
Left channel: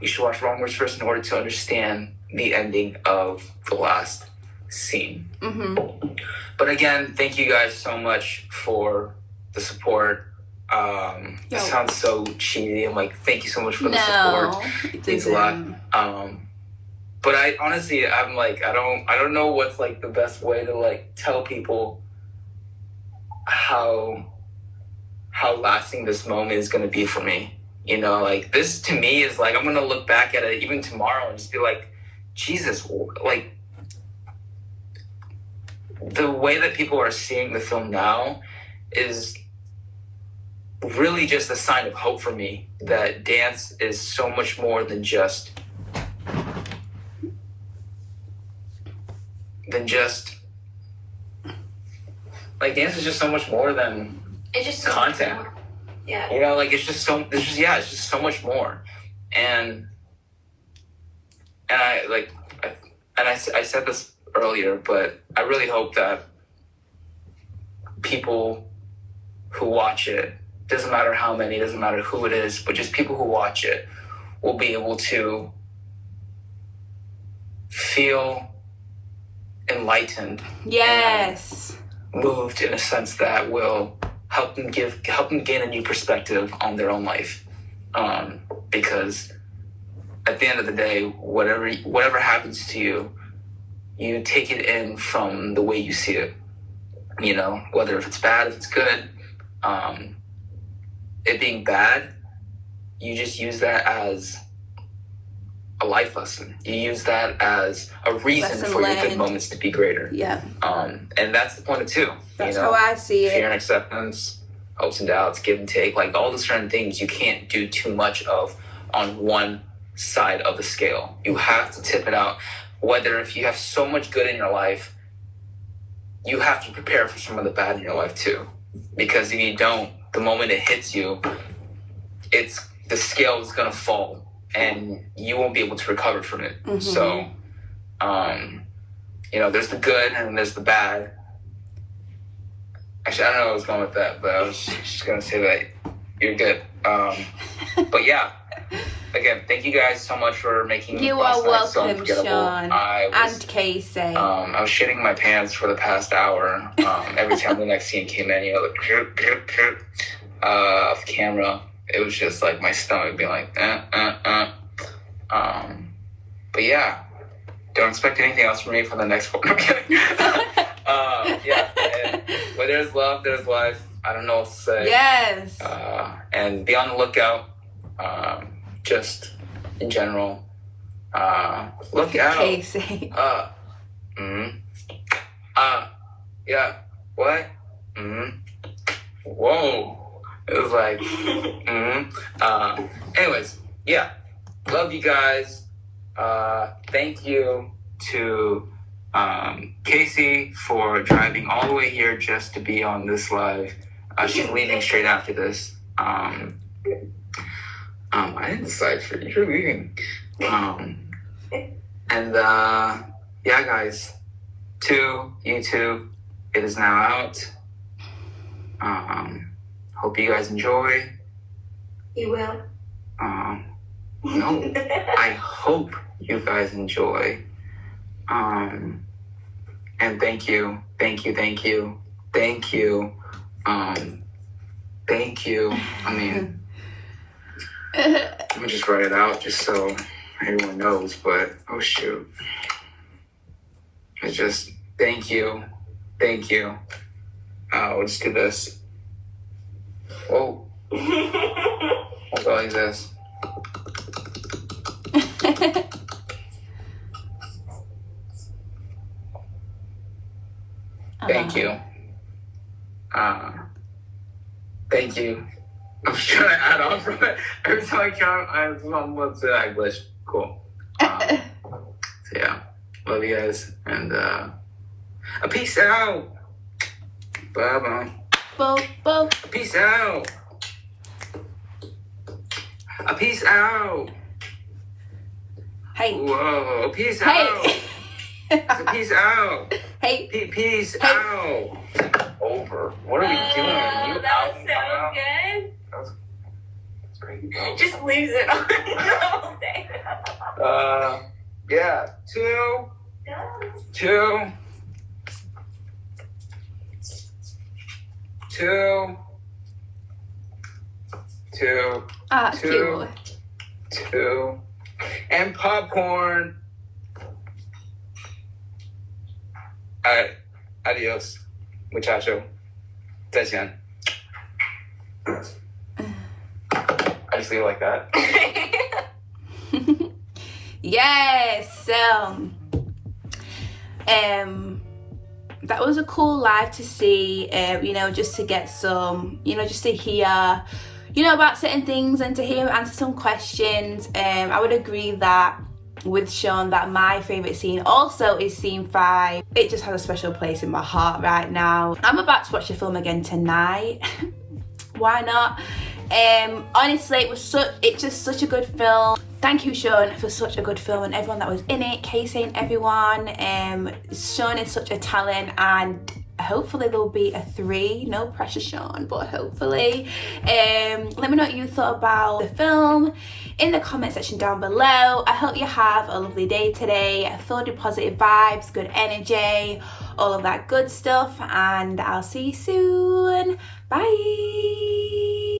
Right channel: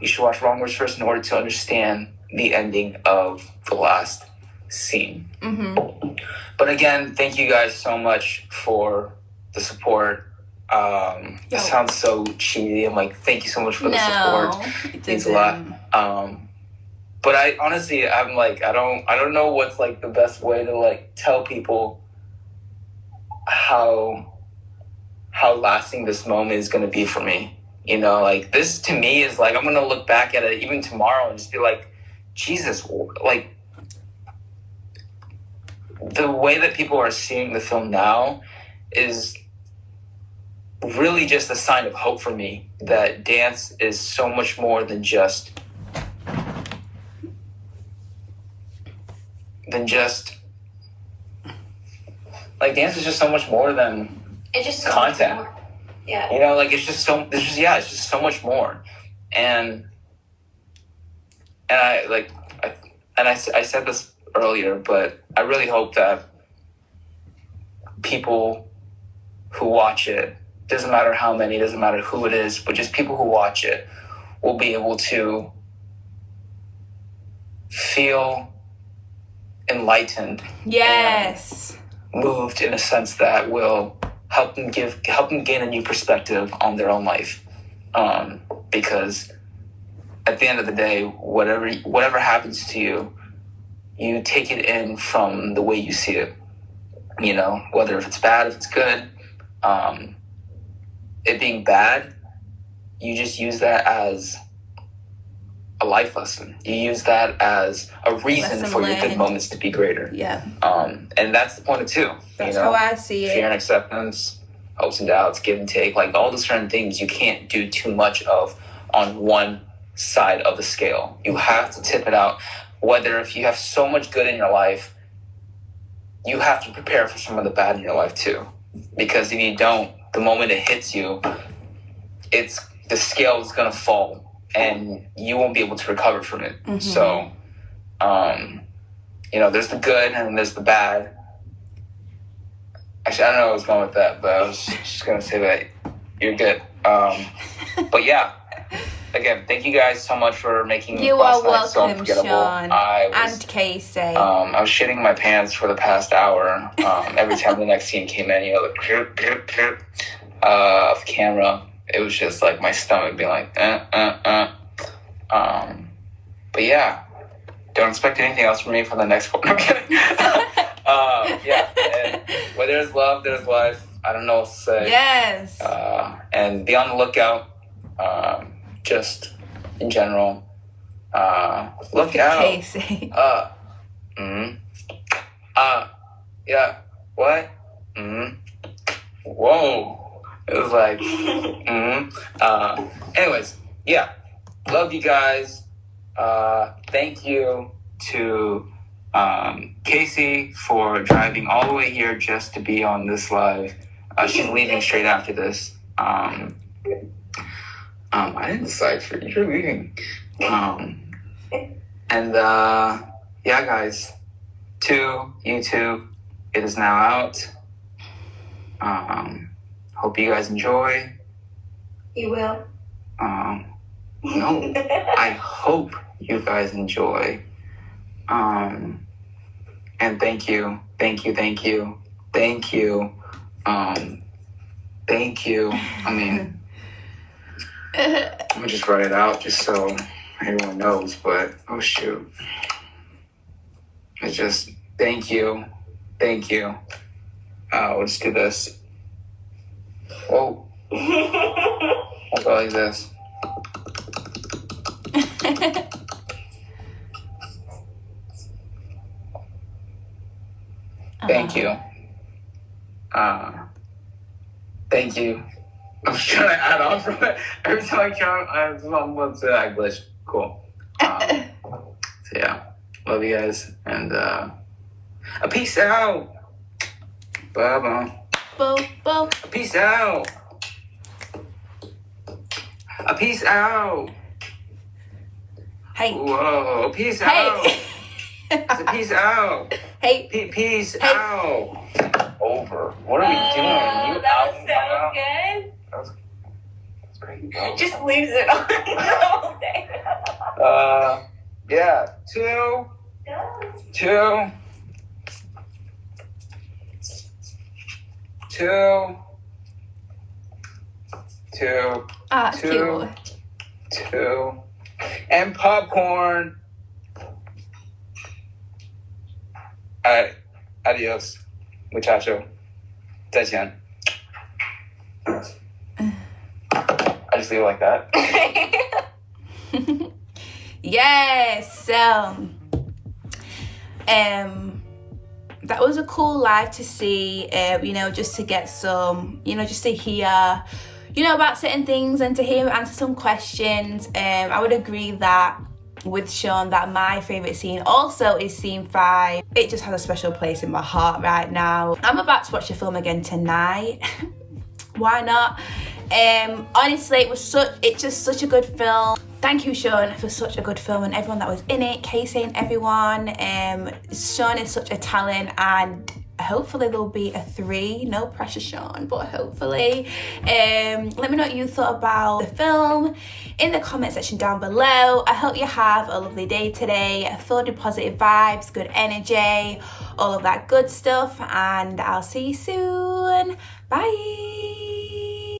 You should watch Wrong Words first in order to understand the ending of the last scene. But again, thank you guys so much for the support. It sounds so cheesy. I'm like, thank you so much for the support. It means a lot. But I honestly, I'm like, I don't know what's like the best way to like tell people how lasting this moment is going to be for me. You know, like this to me is like, I'm going to look back at it even tomorrow and just be like, Jesus, like the way that people are seeing the film now is really just a sign of hope for me, that dance is so much more than just like dance is just so much more than It's just content. Yeah. You know, like it's just so much more. And I said this earlier, but I really hope that people who watch it, doesn't matter how many, doesn't matter who it is, but just people who watch it will be able to feel enlightened. Yes. Moved in a sense that will help them gain a new perspective on their own life. Because at the end of the day, whatever happens to you, you take it in from the way you see it. You know, whether if it's bad, if it's good. It being bad, you just use that as a life lesson. You use that as a reason for your good moments to be greater. Yeah. And that's the point of two. That's how I see it. Fear and acceptance, hopes and doubts, give and take, like all the certain things you can't do too much of on one side of the scale. You have to tip it out. Whether if you have so much good in your life, you have to prepare for some of the bad in your life too. Because if you don't, the moment it hits you, the scale is gonna fall and you won't be able to recover from it. So, you know, there's the good and there's the bad. Actually, I don't know where I was going with that, but I was just gonna say that you're good. But yeah, again, thank you guys so much for making you are welcome, so unforgettable. Sean and I KAYCEE. was shitting my pants for the past hour. Every time the next scene came in, you know, like off camera. It was just like my stomach being like, But yeah, don't expect anything else from me for the next one. I'm kidding. Yeah, and where there's love, there's life. I don't know what to say. Yes. And be on the lookout. Just in general. Look out. KAYCEE. Yeah. What? Whoa. It was like, anyways, yeah. Love you guys. Thank you to KAYCEE for driving all the way here just to be on this live. She's leaving straight after this. I didn't decide for you. You're leaving. And yeah, guys, to YouTube, it is now out. Hope you guys enjoy. You will. No, I hope you guys enjoy. And thank you. Thank you. Thank you. Thank you. Thank you. I mean, Let me just write it out just so everyone knows. But oh shoot, it's just thank you. Let's do this. Oh, I'll go like this. Thank you. Thank you. I'm trying to add on from it. Every time I count, I'm almost I glitch. Cool. So yeah, love you guys, and peace out. Bye bye. Bo. Peace out. Peace out. Hey. Whoa. Peace Hey. out. Peace out. Hey. Peace out. Over. What are we doing? That was so good. That's great. Just leaves it on the whole day. Yeah. Two. Ah, it's cute. Two. And popcorn. Alright. Adios. Muchacho. 再见. I just leave it like that. Yes. So, that was a cool live to see. Just to get some, just to hear, about certain things and to hear him answer some questions. I would agree that with Sean that my favourite scene also is scene 5. It just has a special place in my heart right now. I'm about to watch the film again tonight. Why not? Honestly, it's just such a good film. Thank you, Sean, for such a good film and everyone that was in it. KAYCEE and everyone. Sean is such a talent, and hopefully there'll be a 3. No pressure, Sean, but hopefully. Let me know what you thought about the film in the comment section down below. I hope you have a lovely day today, filled with positive vibes, good energy, all of that good stuff, and I'll see you soon. Bye.